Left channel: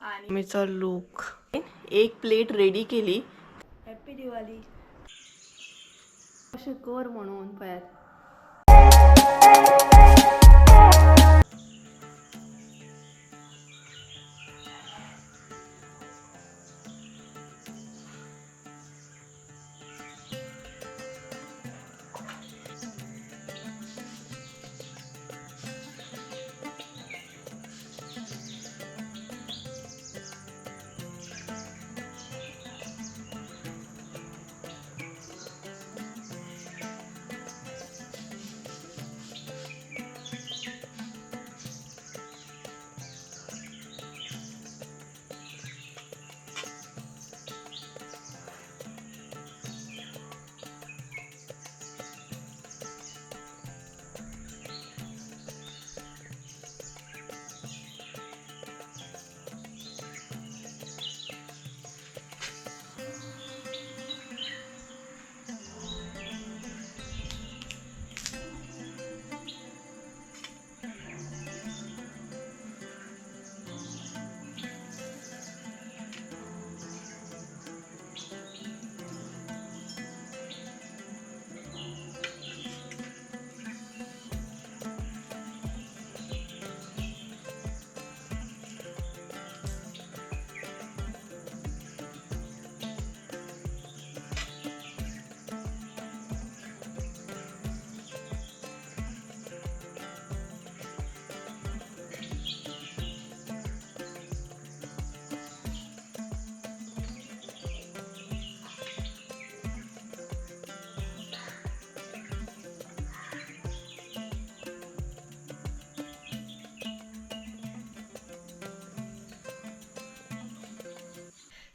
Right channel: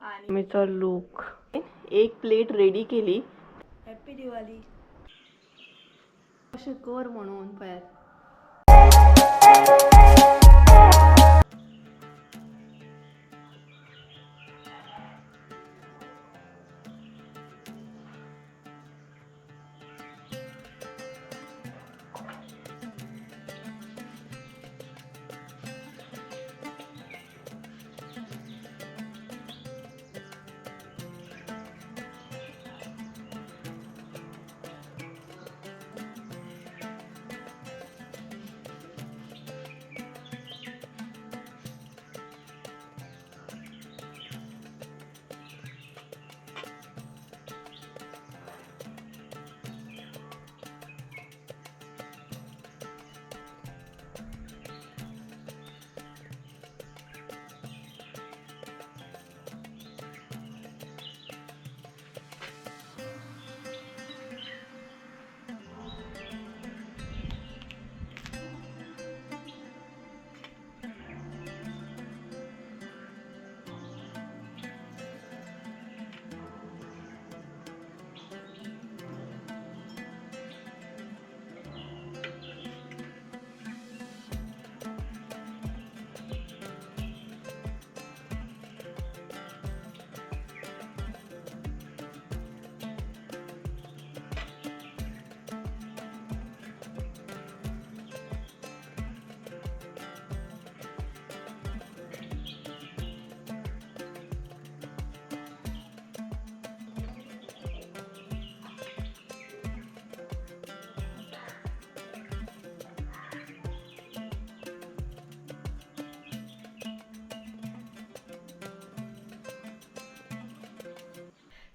आणि मीचा लुक एक प्लेट रेडी केली. हॅपी दिवाळी अशें कर म्हणून पळयात.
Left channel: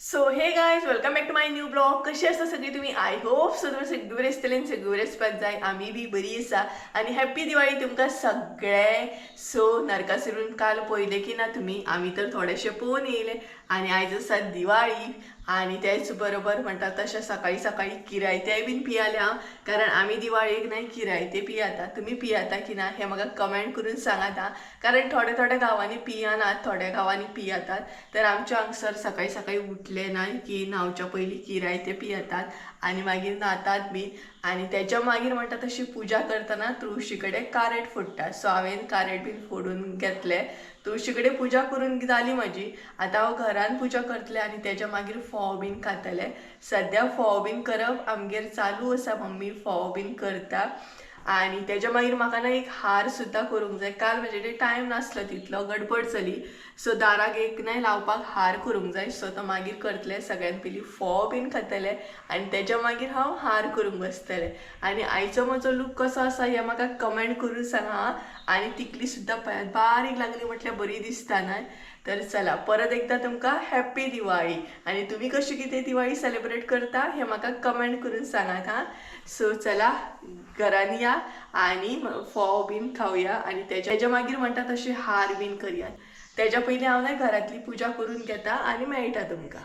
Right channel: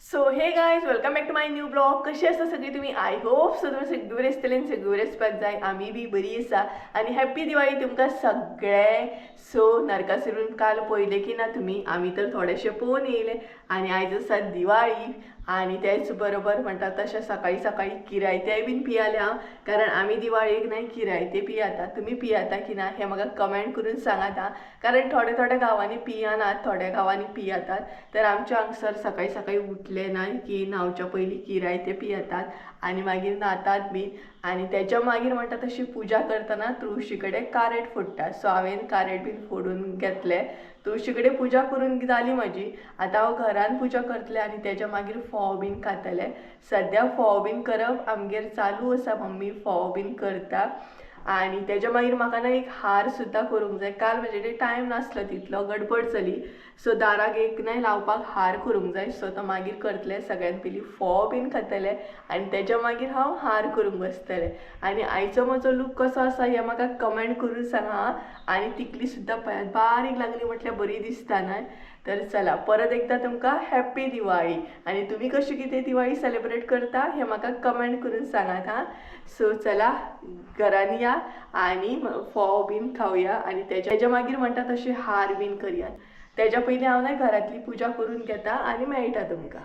So hey guys welcome back to my new blog. कशी आसा सगळी तुम्ही? आय होप सो तुम्ही सगळी बरी आसतली आनी सगळी बरी आसपाक जाय. आमी बी बरी आसा आनी हॅप्पी दिवाळी तुमकां सगळे. सो नरकासुरून काल पळयले की ना तुमी? आमी तर थोडेशे पळोवन येयले आनी आयज आसा दिवाळी आनी तेच बरोबर म्हणटा तशें सकाळी सकाळी किरायतेय बीन पियाले हांव, कारण आमी दिवाळेक न्हय किरायते पियाता. तुमी पियाता की ना हें म्हाका कमेंट करून सांगात हां, कारण थोड्या थोड्या गांवांनी पियानात, थोड्या गांवांनी पियातात. तर आमच्या हांगसर सकाळी सकाळी उठले ना की न्हांवच्या पयलीं किरायते पियेतात आनी मागीर न्हातात बीन आनी तेच्या मागीर म्हणटा तशी पुजा करतना तुळशी कडेन कारेट फोडटा. सो हांवें कारेट बीन फोडून घेतले. तुळशी कडेन पुजा करून जाली म्हाजी. आतां हांव घरान पुजा करतलें आनी तेच्या मागीर फोव बीन खातलें. सद्या फोव बीन करप आमगेर चालू आसा, मम्मी फोव बीन करता. आनी तेच्या मागीर म्हाका ना एक हार सुद्दां करूंक जाय. काल म्हजे कडेन टायम नासलो, तितलो गडबड जाली. सो दाराक एक न्हय लावपाक हार करूंक जाय. सो तो मागीर करतलें. सगळ्यान पयलीं फोव बीन खातलें आनी तेच्या मागीर हांव हार करूंक बसतलें. आनी आयचो म्हजो लूक कसो आसा हें म्हाका कमेंट करून सांगा. आनी तिकली सुद्दां पळयात बारीक लागली म्हटल्यार बरी दिसता न्हय. तर चला परत एकदा तुमकां हॅप्पी दिवाळी. आनी तुमी कशी कितें दिवाळी सेलिब्रेट करता हें म्हाका कमेंट करून सांगात हां. सो चला घरान या आनी फोव बीन खावया आनी तेच्या मागीर म्हणटा तशें हार बीन करया. तेच्या पयलीं हांव न्हय घरांतली पुजा करून घेता आनी मेळटा तुमकां.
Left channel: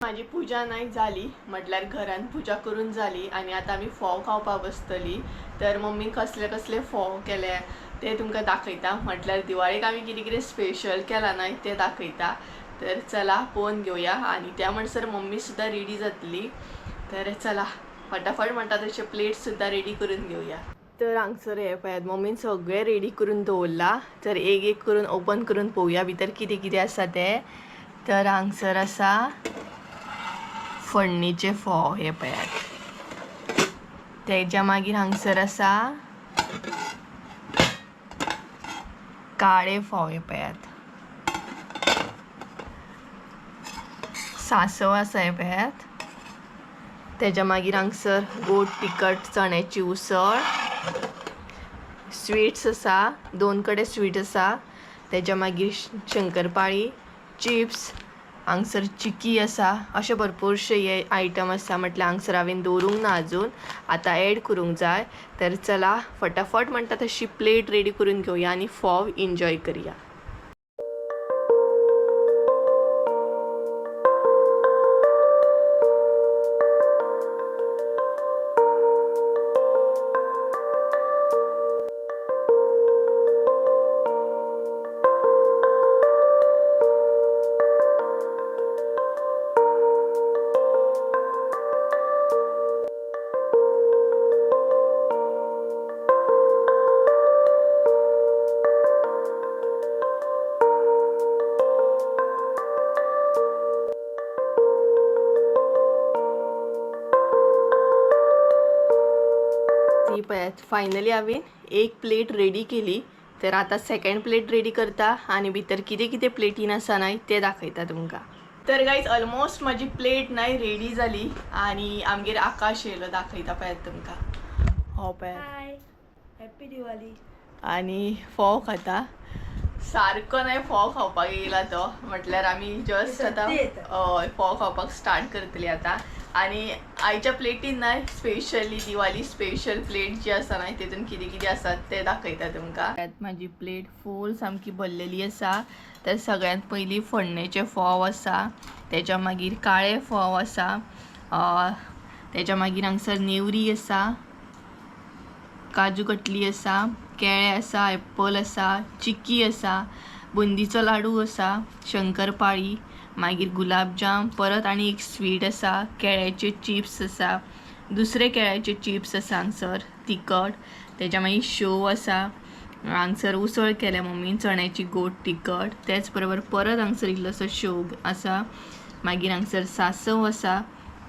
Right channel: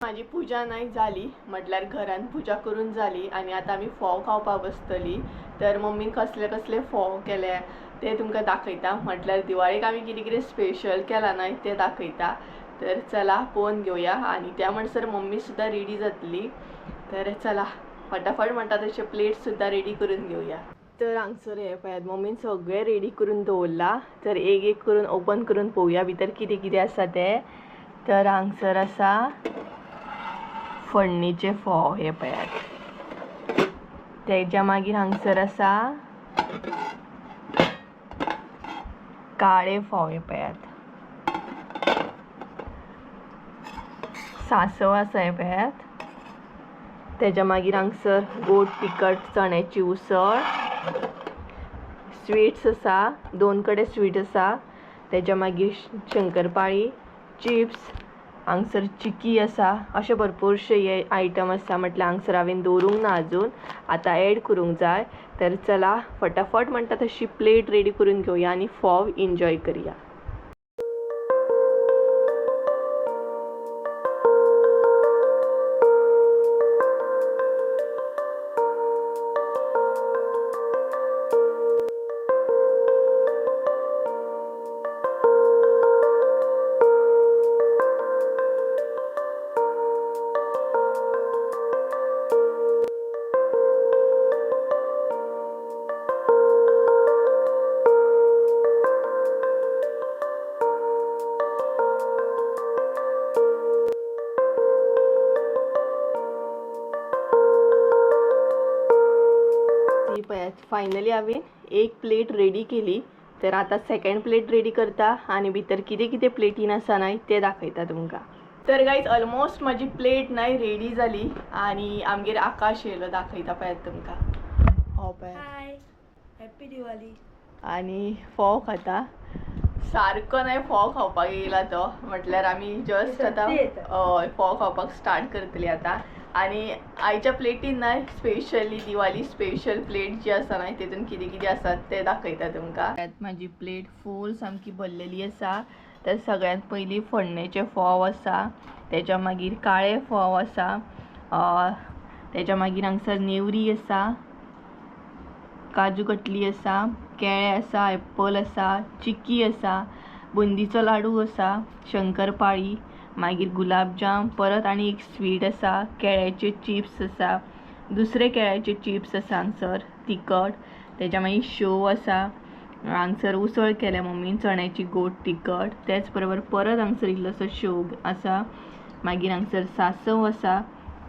माझी पुजा नाही झाली म्हटल्यार घरान पुजा करून झाली आनी आतां आमी फोव खावपाक बसतली. तर मम्मीन कसले कसले फोव केले ते तुमकां दाखयता. म्हटल्यार दिवाळेक आमी कितें कितें स्पेशल केलां न्हय तें दाखयता. तर चला पळोवन घेवया. आनी त्या म्हणसर मम्मी सुद्दां रेडी जातली. तर चला फटाफट म्हणटा तशें प्लेट सुद्दां रेडी करून घेवया. तर हांगसर हे पळयात मम्मीन सगळें रेडी करून दवरला. तर एक एक करून ओपन करून पळोवया भितर कितें कितें आसा तें. तर हांगसर आसा फोडणीचे फोव हे पळयात. तेच्या मागीर हांगसर आसा काळे फोव हे पळयात. सांसव आसा हे पळयात. तेच्या मागीर हांगसर गोड तिखट चण्याची उसळ, स्वीट्स आसा, 2 कडेन स्वीट आसा. तेच्या मागीर शंकरपाळी, चिप्स, हांगसर चिकी आसा. अशे भरपूरशे हे आयटम आसा. म्हटल्यार हांगसर हांवें दवरूंक ना अजून, आतां एड करूंक जाय. तर चला फटाफट म्हणटा तशी प्लेट रेडी करून घेवया आनी फोव एन्जॉय करया. फायनली हांवें एक प्लेट रेडी केली. तर आता सेकंड प्लेट रेडी करता आणि भितर कितें कितें प्लेटीन आसा नाही ते दाखयता तुमकां. तर गाईज ऑलमोस्ट माझी प्लेट नाही रेडी झाली आणि आमगेर आकाश येयलो दाखयता पळयात तुमकां. हो पळयात. हाय, हॅपी दिवाळी. आणि फोव खाता. सारको नाही फोव खावपाक येयला तो. म्हटल्यार आमी जस्ट आता फोव खावपाक स्टार्ट करतली आता. आणि आयच्या प्लेटीन नाही स्पेशली दिवाळी स्पेशल प्लेट जी आसा नाही तेतून कितें कितें आसा ते दाखयता तुमकां. त्यात माझी प्लेट फूल सामकी भरलेली आसा. तर सगळ्यांत पयलीं फोडणेचे फोव आसा, तेच्या मागीर काळे फोव आसा, तेच्या मागीर हांगसर नेवरी आसा, काजू कटली आसा, केळे आसा, एप्पल आसा, चिक्की आसा, बुंदीचो लाडू आसा, शंकरपाळी, मागीर गुलाबजाम, परत आनी एक स्वीट आसा, केळ्याचे चिप्स आसा, दुसरे केळ्याचे चिप्स आसा हांगसर तिखट, तेच्या मागीर शेव आसा, हांगसर उसळ केल्या मम्मीन चण्याची गोड तिखट, त्याच बरोबर परत हांगसर इल्लोसो शेव आसा, मागीर हांगसर सांसव आसा.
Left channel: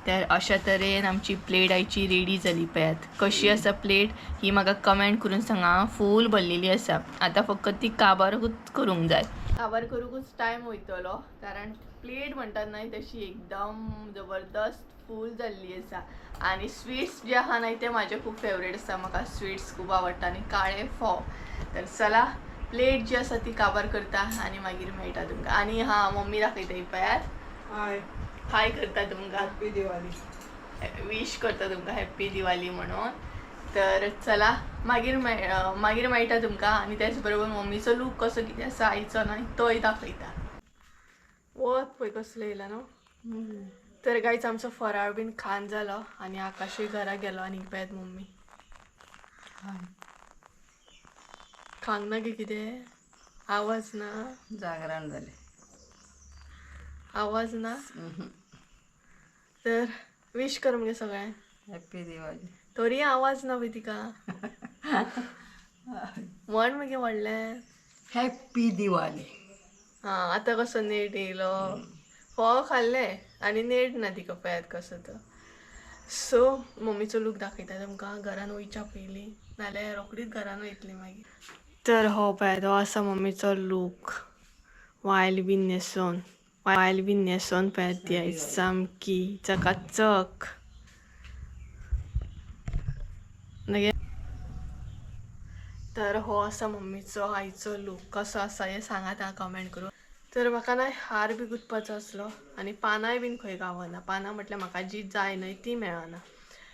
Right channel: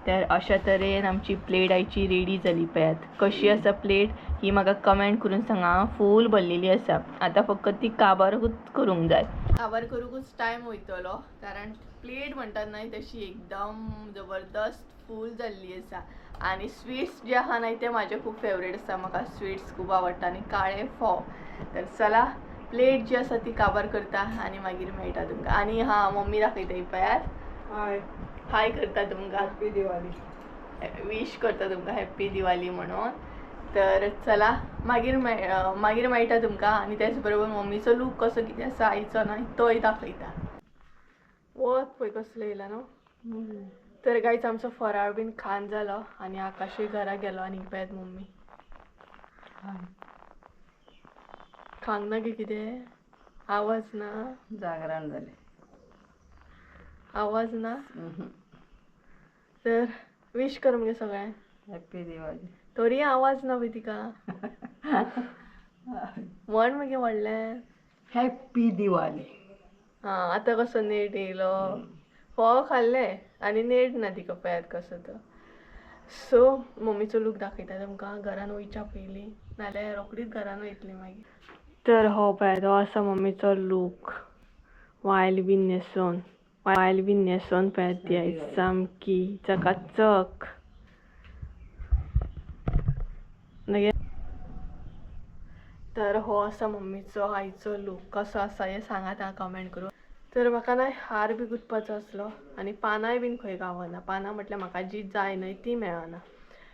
तर अशा तरेन आमची प्लेट आयची रेडी जाली. पळयात कशी आसा प्लेट ही म्हाका कमेंट करून सांगा. फूल भरलेली आसा. आता फक्त ती काबारूच करूंक जाय. काबार करूंकच टायम वयतलो कारण प्लेट म्हणटात नाही तशी एकदम जबरदस्त फूल जाल्ली आसा. आणि स्वीट्स जे आहा नाही ते म्हाजे खूब फेवरेट आसा. म्हाका स्वीट्स खूब आवडटा आनी काळे फोव. तर चला प्लेट जी आसा ती काबार करता आणि मागीर मेळटा तुमकां. आणि हां मम्मी दाखयता ही पळयात. हाय, हाय करता तुमकां. हॅपी दिवाळी. विश करता तुमकां हॅप्पी दिवाळी म्हणून. तर चला मागीर मेळटा तुमकां. आणि त्याच बरोबर मम्मीचो लूक कसो कितें आसा आयचो न्हय तोय दाखयता. वत पळय कसलो येयला न्हू. तर गायच आमचो फराळ बीन खान जालो आणि आकाशूय घरा गेलो. आणि पळयात मम्मी खांक ना गे कितें आवाज ना. जागरण जालें. आवाज ना. तर विश कर मगे सगळ्यांक हॅपी दिवाळी. तरी आवाज ना बी तिका. म्हण मगे व्हडलें हॅपी दिवाळी. हां आतां कसो नेट येयलो. फोव खाल्ले आनी नेट ना तिका पळयात कसो तो. सो मम्मीचो लूक दाखयता तुमकां घरान वयच्या पयलीं नाल्यार रोकडीच घरान वयतली मागीर. तर हो पळयात हो आसा मम्मीचो लूक. वायल बीन न्हेसोन पळयात ती आयज सामकी चकाचक. तर हो आसा मम्मीचो आयचो लूक. कसो आसा हें सांगात हां कमेंट करून. तर म्हाका ना हार बी गुंथपाचो आसलो आनी पानांय बीन खंय गावना. पानां म्हटल्यार म्हाका जी जाय न्हय ती मेळना.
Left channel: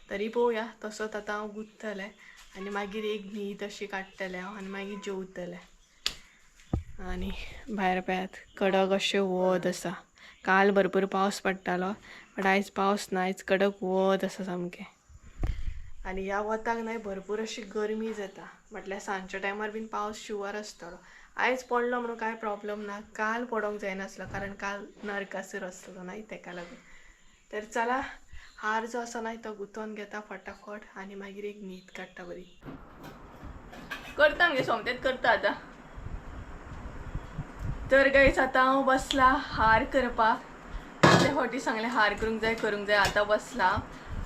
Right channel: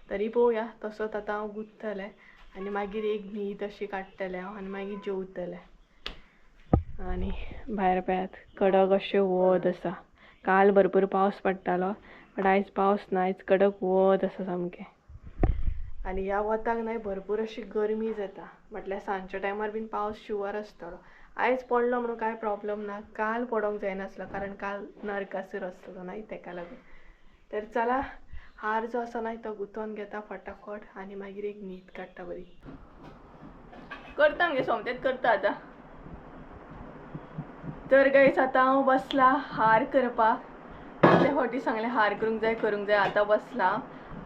तरी पळोवया तसोच आतां हांव गुंथतलें आनी मागीर एक न्हीद अशी काडटलें हांव आनी मागीर जेवतलें. आनी भायर पळयात कडक अशें वत आसा. काल भरपूर पावस पडटालो बट आयज पावस ना. आयज कडक वत आसा सामकें. आनी ह्या वताक न्हय भरपूर अशी गरमी जाता. म्हटल्यार सांजच्या टायमार बीन पावस शुवर आसतलो. आयज पडलो म्हणून कांय प्रॉब्लम ना. काल पडोंक जायनासलो कारण काल नरकासूर आसलो न्हय तेका लागून. तर चला हार जो आसा न्हय तो गुंथोन घेता फटाफट आनी मागीर एक न्हीद काडटा बरी. करता मगे सोमतेच करता आतां. तर गायज आतां हांव बसला हार करपाक. कितले फावटी सांगलें हार करूंक जाय आतां बसला.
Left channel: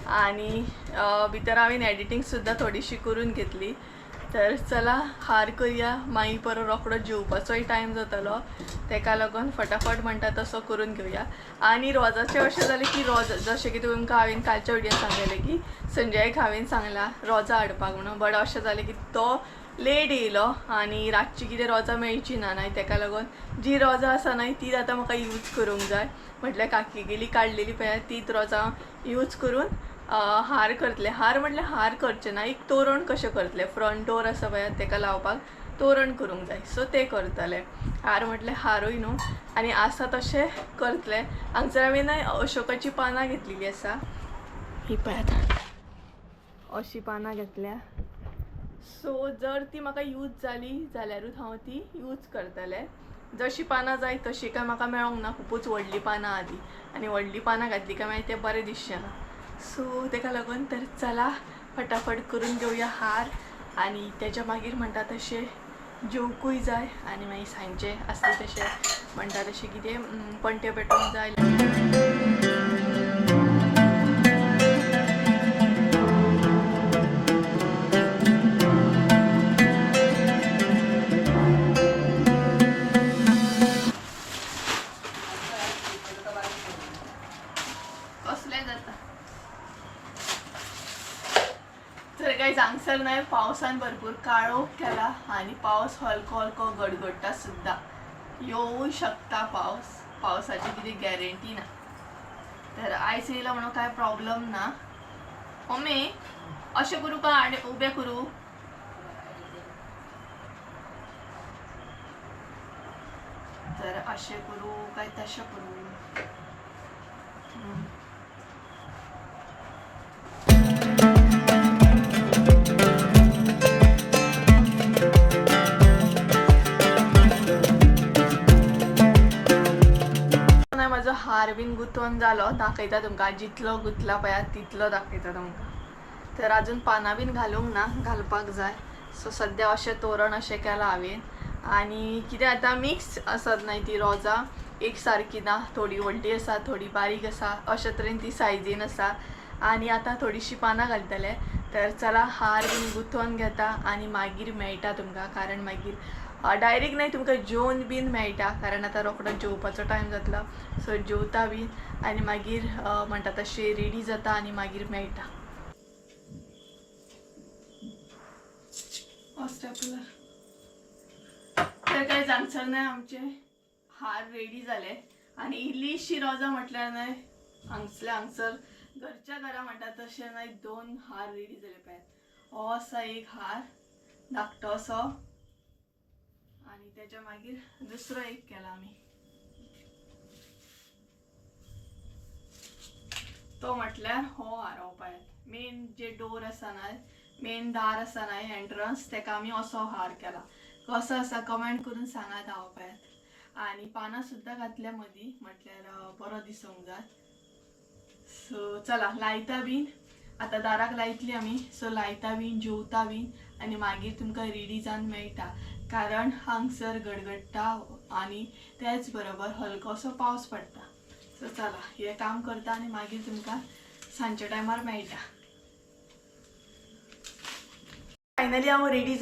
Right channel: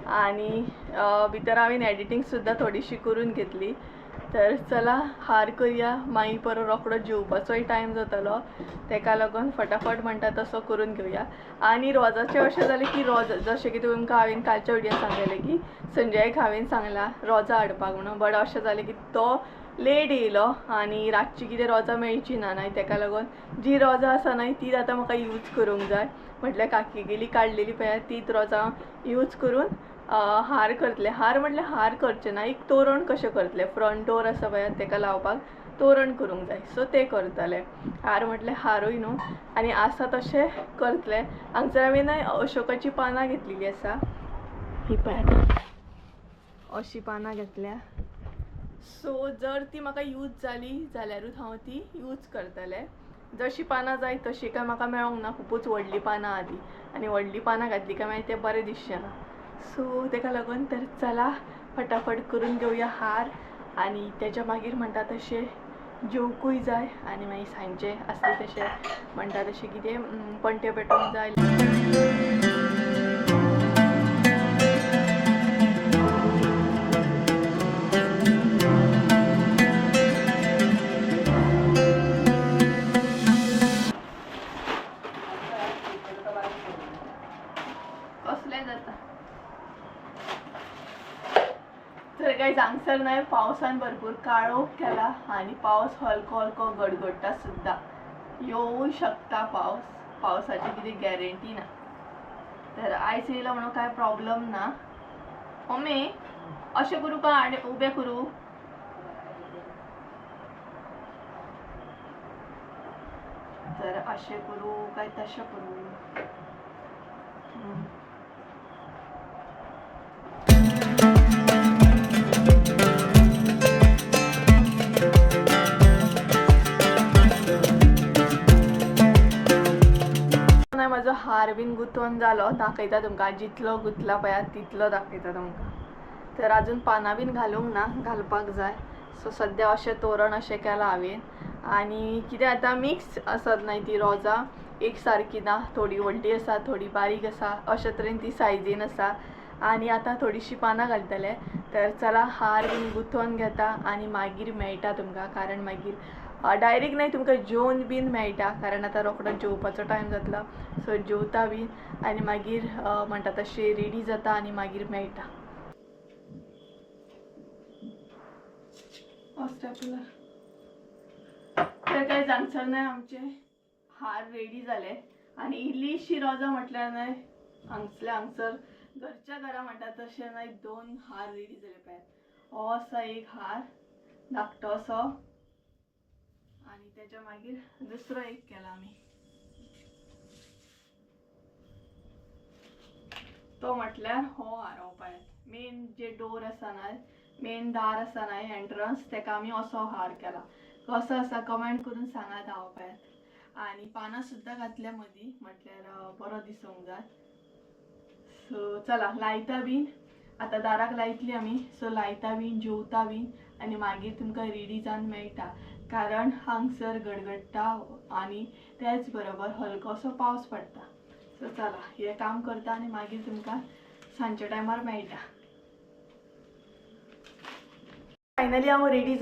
आनी भितर हांवें एडिटींग सुद्दां थोडीशी करून घेतली. तर चला हार करया मागीर परत रोखडो जेवपाचोय टायम जातलो तेका लागून फटाफट म्हणटा तसो करून घेवया. आनी रोजाचें अशें जालें की रोज जशें की तुमकां हांवें कालच्या विडियोन सांगलेलें की संजयाक हांवें सांगलां रोजां हाडपाक म्हणून. बट अशें जालें की तो लेट येयलो आनी रातची कितें रोजां मेळची ना न्हय तेका लागून जी रोजां आसा न्हय तीच आतां म्हाका यूज करूंक जाय. म्हटल्यार काकी गेली काडलेली पळय तीच रोजां यूज करून हार करतले. हार म्हटल्यार हार करचे ना एक तोरण कशें करतले. फ्रंट डोर आसा पळय तेका लावपाक तोरण करूंक जाय सो ते करतले. हार म्हटल्यार हारूय न्हू आनी आसा तशें करतले. हांगसर हांवें न्हय अशोकाची पानां घेतलेली आसा. ही पळयात अशी पानां घेतल्या. सो जर ती म्हाका यूज जाली जाल्यारूच हांव ती यूज करतलें. जशी पानां जाय तशी काय म्हाका मेळोंक ना. खुबूच व्हडली पानां आहा ती आनी व्हडली पानां घातली काय मागीर तें बरें दिसचें ना. सो तेका लागून तर चला फटाफट करून घेवया हार आनी तेच्या मागीर म्हणटा तशें जेवकूय जाय आनी मागीर सांजचे आसले तशें म्हणटा तशें कितें पणट्यो पेटोवंक जाय. पावसान भरपूर काळोख केला आणि पाऊस हलको हलको गडगडटा सुद्धा. येऊ शकता पावसाची किती गॅरंटी ना. तर आयज येयला म्हणून काय प्रॉब्लेम ना. मम्मी अशें करू का आणि उबे करू? तर अशें करू काय तशें करू? माझो हार बीन गुंतवून जालो. दाखयता तुमकां. जितलो गुंतला पळय तितलो दाखयता तुमकां. तर अजून पानां बीन घालूंक ना, घालपाक जाय. सो सद्या अशें तोरण अशें केलां हांवें. आनी कितें आतां मिक्स आसत न्हय ती रोजां, एक सारकी ना. थोडी व्हडली आसा, थोडी बारीक आसा, अशे तरेन ती सायजीन आसा. आनी आतां थोडीशीं पानां घालतले. तर चला हार बीन गुंतवून घेता आनी मागीर मेळटा तुमकां. कारण मागीर डायरेक्ट न्हय तुमकां जेवन बीन मेळटा. कारण आतां रोखडो जेवपाचो टायम जातलो. सो जेवता बीन आनी मागीर म्हणटा तशें रेडी जाता आनी मागीर मेळटा. तर काय जांगसर न्हय आमचे हार रेडी जाले. आनी इल्लीशी रोजां म्हटल्यार न्हय हांगसल्या हांगसर घरच्या घरा म्हणटा तशें न्हय 2 हार रेडी जाले पळयात. हो आसा एक हार धाकटो असो आनी तेच्या मागीर दुसरो एक केला आमी. तो म्हटल्यार हो हार हो पळयात. मेन जे डोर आसा न्हय, मेन दार आसा न्हय एंट्रन्स, तेका आमी असो हार केला. कसो आसा कमेंट करून सांगात हांव पळयात. आनी पानां सुद्दां घातल्या मदीं म्हटल्यार बरो दिसूंक जाय. सो चला लायता बीन. आतां दाराक लायतली आमी. सो लायता बीन, जेवता बीन आनी मागीर तुमकां रेडी जावन मेळटा. कारण हांगसर गडगडटा आनी तेच बरोबर हलकोसो पावस पडटा. सो चला हें काम करता आनी मागीर तुमकां सांजच्या टायमार मेळटा. फायनली हांव रेडी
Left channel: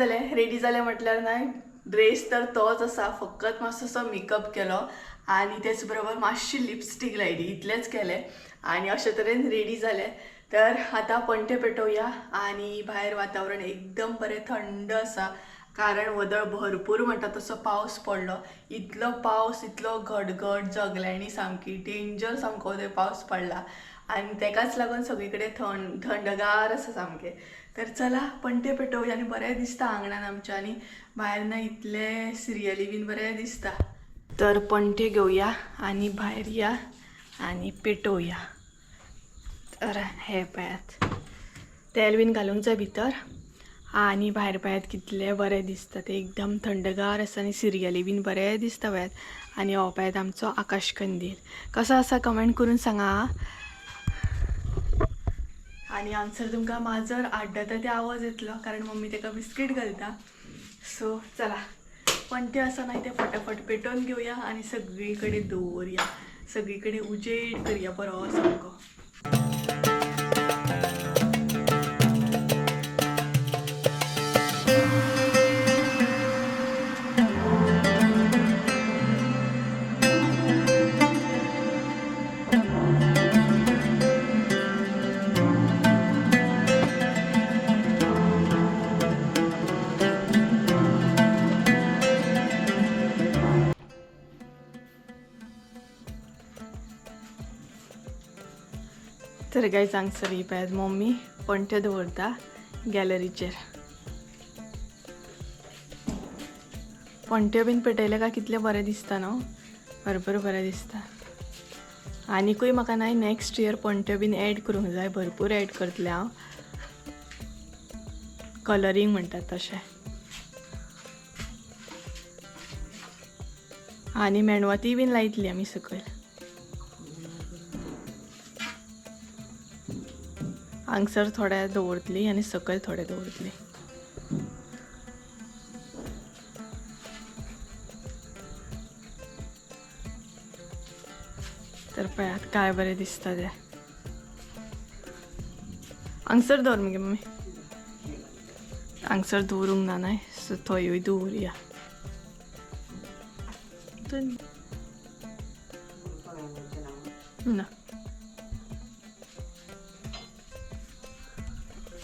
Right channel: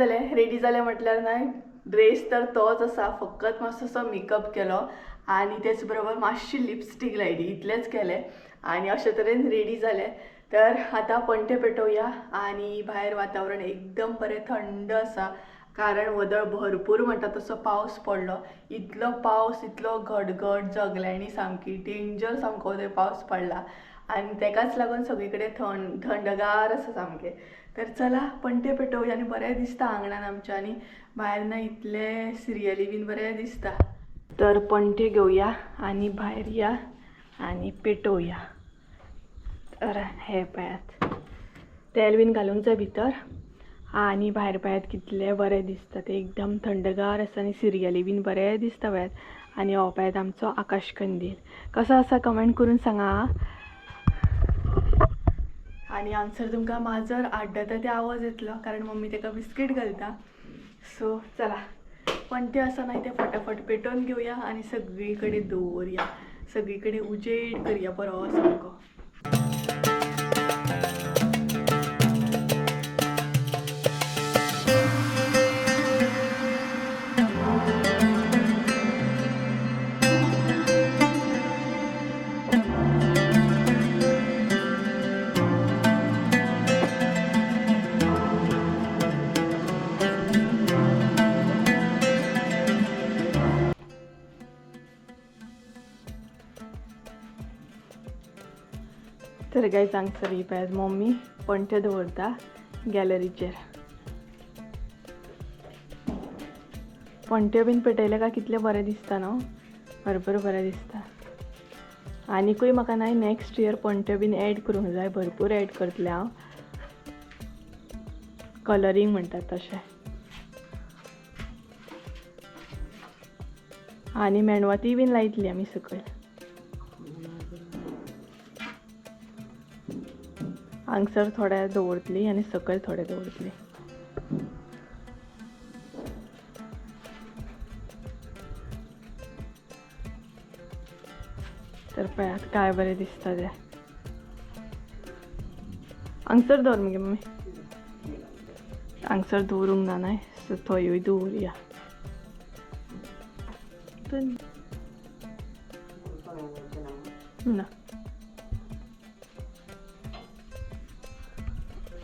जालें म्हटल्यार न्हय ड्रेस तर तोच आसा. फकत मातसोसो मेकअप केलो आनी तेच बरोबर मातशी लिपस्टीक लायली. इतलेंच केलें आनी अशे तरेन रेडी जालें. तर आतां पणटे पेटोवया. आनी भायर वातावरण एकदम बरें थंड आसा. कारण वदळ भरपूर म्हणटा तसो पावस पडलो. इतलो पावस, इतलो गडगड, जगल्यांनी सामकी डेंजर सामको थंय पावस पडला. आनी तेकाच लागून सगळी कडेन थंडगार आसा सामकें. तर चला पणटे पेटोवया आनी बरें दिसता आंगणान आमच्या. आनी भायर ना इतले सिरियली बीन बरें दिसता. तर पणटे घेवया आनी भायर या आनी पेटोवया. तर हे पळयात तेल बीन घालूंक जाय भितर. आनी भायर पळयात कितलें बरें दिसता. ते एकदम थंडगार आसा आनी सिरियली बीन बरें दिसता पळयात. आनी हो पळयात आमचो आकाश कंदील कसो आसा कमेंट करून सांगा. आनी हांगसर तुमकां माजर आड्डता ते आवाज येतलो कारण मम्मी तेका बिस्कीट घालता. सो चला पणटे आसा न्हय ते फटाफट पेटोवन घेवया आनी सगळी कडेन दवरया. सगळी कडेन उजेड करया बरो सामको. तर गायज हांगसर ही पळयात मम्मी पणटे दवरता गॅलरीचेर. पणट्यो बीन पेटयले काय कितलें बरें दिसता न्हू. भरपूर बरें दिसता. आनीकूय म्हाका न्हय नेक्स्ट इयर पणट्यो बीन एड करूंक जाय. भरपूर एड करतलें हांव. कलरींग म्हणटात तशें. आनी मेणवाती बीन लायतली आमी सकयल. हांगसर थोडे दवरतली आनी सकयल थोडे दवरतली. तर पळयात काय बरें दिसता ते. हांगसर दवर मगे मम्मी. हांगसर दवरूंक ना न्हय सो थंयूय दवरया. ना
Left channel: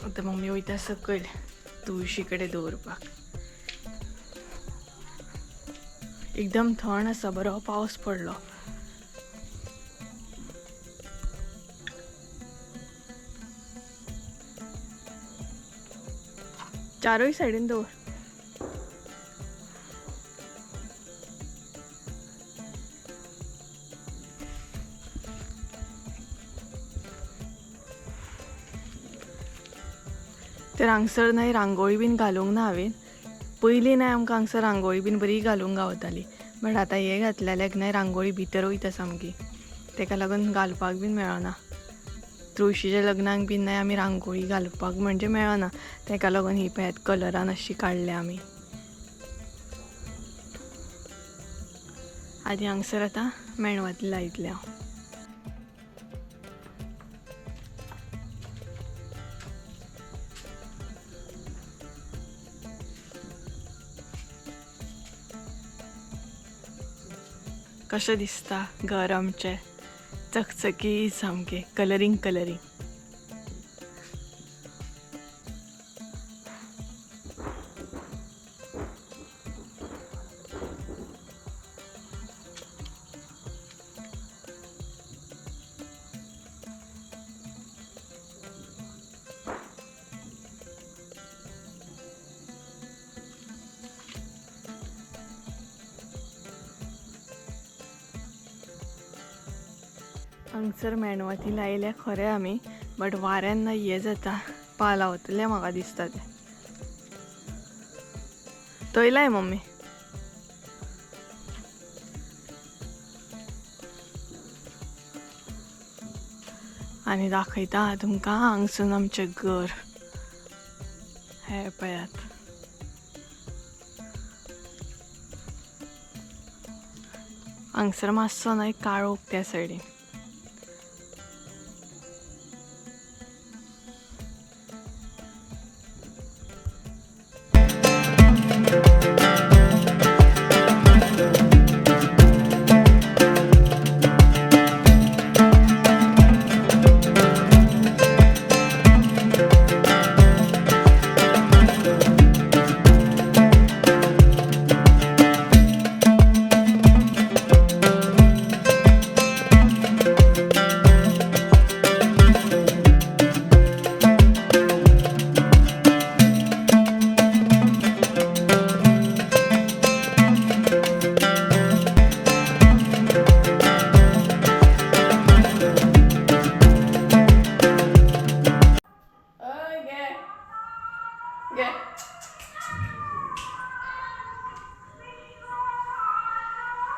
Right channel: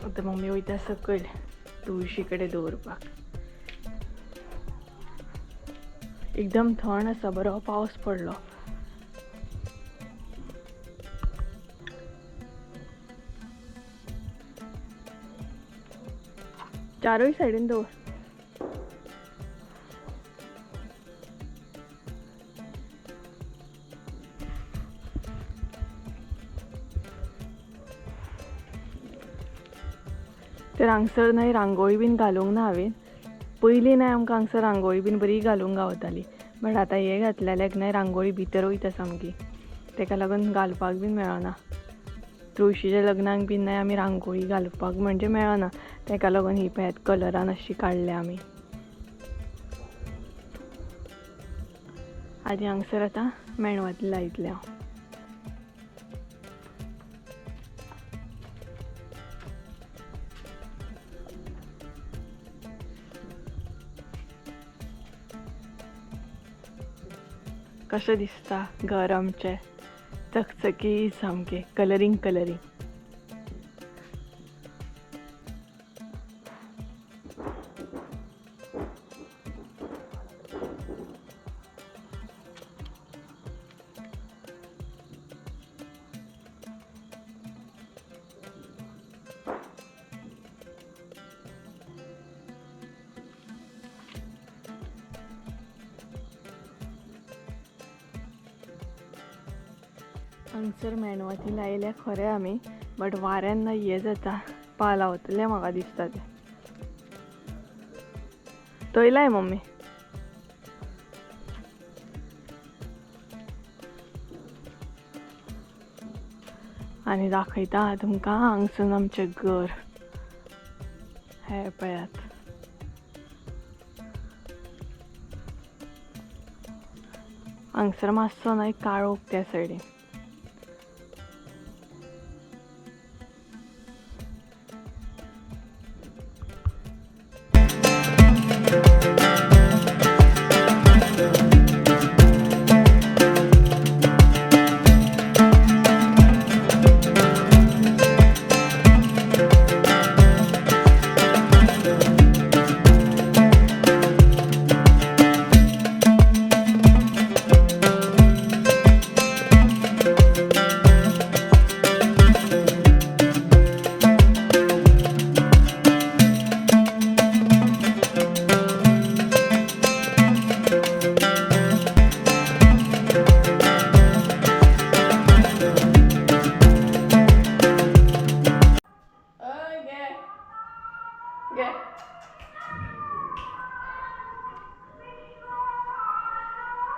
आतां मम्मी वयता सकयल. तुळशी कडेन दवरपाक. एकदम थंड आसा, बरो पावस पडलो. चारूय सायडीन दवर. तर हांगसर न्हय रांगोळी बीन घालूंक ना हांवें. पयलीं न्हय आमकां हांगसर रांगोळी बीन बरी घालूंक गावताली, बट आतां हे घातलेल्याक न्हय रांगोळी भितर वयता सामकी, तेका लागून घालपाक बीन मेळना. तुळशीच्या लग्नाक बीन न्हय आमी रांगोळी घालपाक म्हणजे मेळना, तेका लागून ही पळयात कलरान अशी काडल्या आमी. आनी हांगसर आतां मेणवाती लायतलें हांव. कशें दिसता घर आमचें चकचकीत सामकें कलरींग. हांगसर मेणवाती लायल्या खरें आमी, बट वाऱ्यान हे जाता, पालावतले म्हाका दिसता ते. थंय लाय मम्मी. आनी दाखयता तुमकां हांगसून आमचें घर. हे पळयात. हांगसर मातसो न्हय काळोख त्या सायडीन.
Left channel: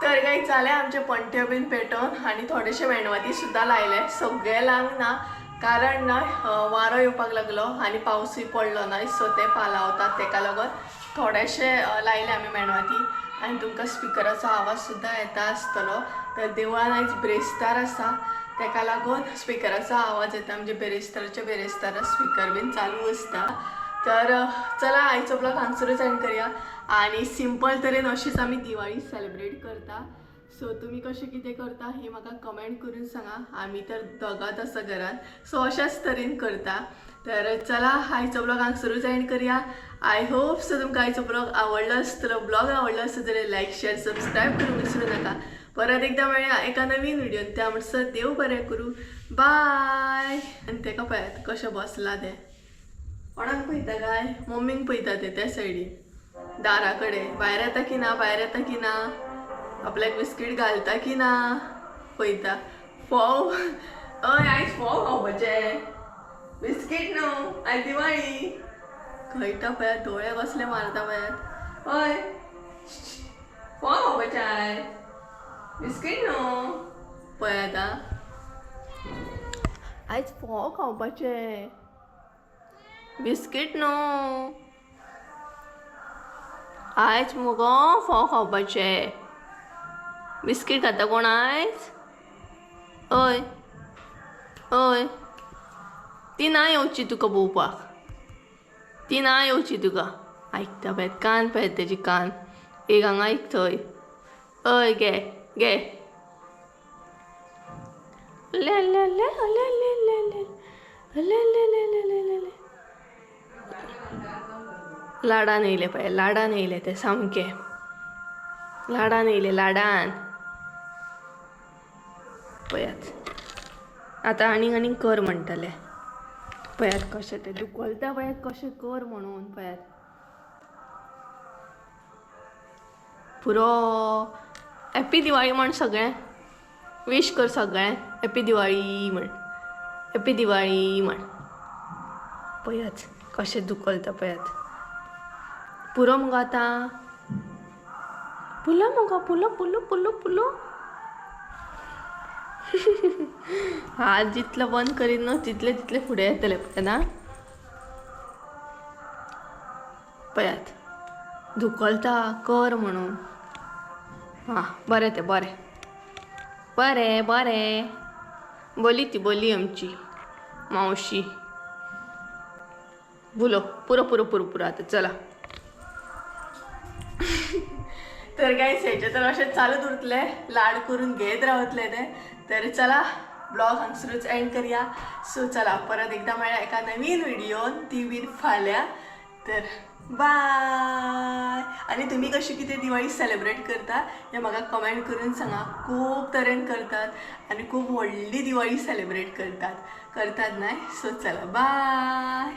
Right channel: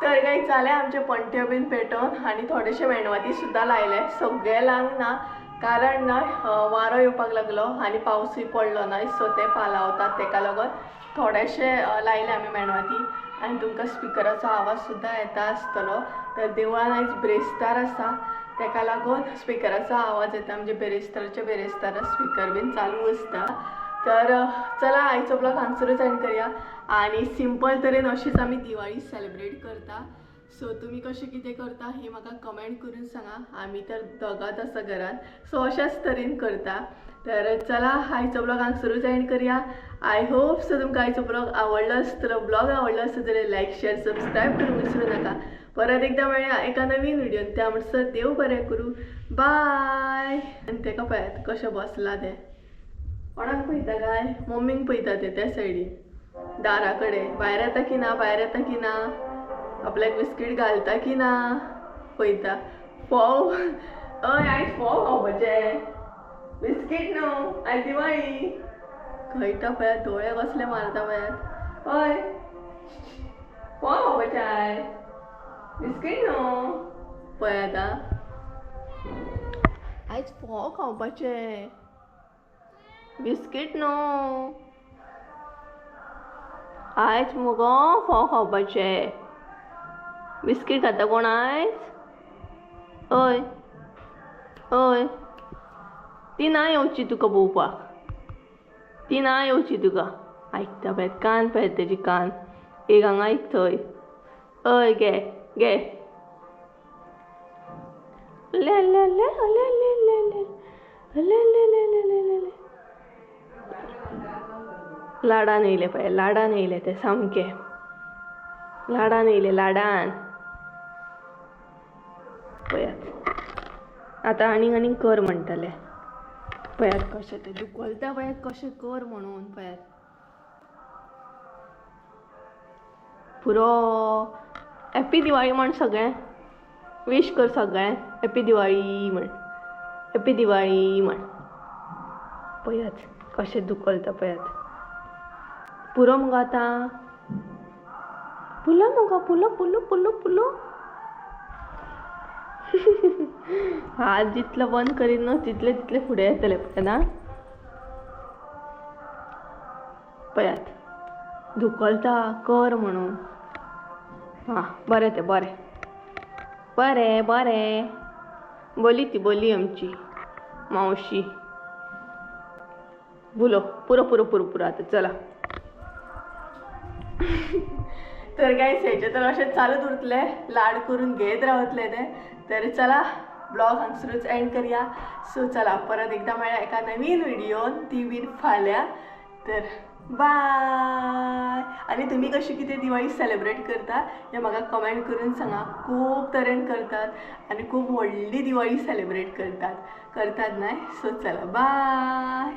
तर काही चाले आमचे पंट्यो बीन पेटोवन आनी थोडेशे मेणवाती सुद्दां लायले. सगळे लावंक ना, कारण ना वारो येवपाक लागलो आनी पावसूय पडलो ना, सो ते पालावतात, तेका लागून थोडेशे लायले आमी मेणवाती. आनी तुमकां स्पिकराचो आवाज सुद्दां येता आसतलो. तर देवळान आयज बेरेस्तार आसा, तेका लागून स्पिकराचो आवाज येता, म्हणजे बेरेस्तार स्पिकर बीन चालू आसता. तर चला आयचो ब्लॉग हांगसरूच एंड करया. आनी सिंपल तरेन अशीच आमी दिवाळी सेलिब्रेट करता. सो तुमी कशें कितें करता हें म्हाका कमेंट करून सांगा. आमी तर दोगांच आसा घरान, सो अशाच तरेन करता. तर चला आयचो ब्लॉग हांगसरूच एंड करया. आय होप सो तुमकां आयचो ब्लॉग आवडलो आसतलो. ब्लॉग आवडलो आसत जाल्यार लायक शेअर सबस्क्रायब करूंक विसरूं नाका. परत एकदा मेळया एका नवीन व्हिडिओन. त्या म्हणसर देव बरें करूं. बाय. आनी तेका पळयात कशें बसला ते. कोणाक पळयता काय? मम्मीक पळयता ते त्या सायडीन दारा कडेन. भायर येता की ना, आपल्याक बिस्कीट घालता की ना पळयता. फोव आयज फोव खावपाचे, बिस्कीट न्हू, आयज दिवाळी. खयटा पळयात दोळे कसले मारता पळयात. हय फोव खावपाचे आयज, बिस्कीट न्हू. पळयात आयज फोव खावपाचे, बिस्कीट न्हू. आयज मुगो फोव खावपाचे, बिस्कीट खाता कोण आयज? हय ती ना येवची तुका पळोवपाक, ती ना येवची तुका. आयकता पळयात कान पळयात तेजी कान. एक हांगा आयक थंय. हय गे गे. ले ले ले ले ले ले ले ले ले ले ले ले ले. लाडान येयले पळय, लाडान येयले ते सामके लाडान येयले, लाडान. पळयात आतां आनीक कर म्हणटले. पळयात कशें ते दुखलता, पळयात कशें कर म्हणून. पळयात पुरो हॅप्पी दिवाळी म्हण सगळें. विश कर सगळें हॅप्पी दिवाळी म्हण, हॅप्पी दिवाळी म्हण. पळयात कशें दुखलता पळयात. पुरो मुगो आतां, पुलो मुगो, पुलो पुलो पुलो पुलो. हात जितलो बंद करीत न्हू तितले तितले फुडें येतले पळय ना. पळयात दुखलता कर म्हणून. हां बरें तें बरें बरें बरें. बोली ती बोली आमची मावशी. बुलो पुरो पुरो पुरो पुरो आतां चला. तर गाईस हेचे तर अशें चालूच उरतले, लाड करून घेत रावतले ते. तर चला ब्लॉग हांगसरूच एंड करूया. सो चला परत एकदा मेळ्या एका नवीन व्हिडिओन, ती बीन फाल्यां. तर बाय. आनी तुमी कशी कितें दिवाळी सेलिब्रेट करता हें म्हाका कमेंट करून सांगा. खूब तरेन करतात आनी खूब व्हडली दिवाळी सेलिब्रेट करतात न्हय. सो चला बाय.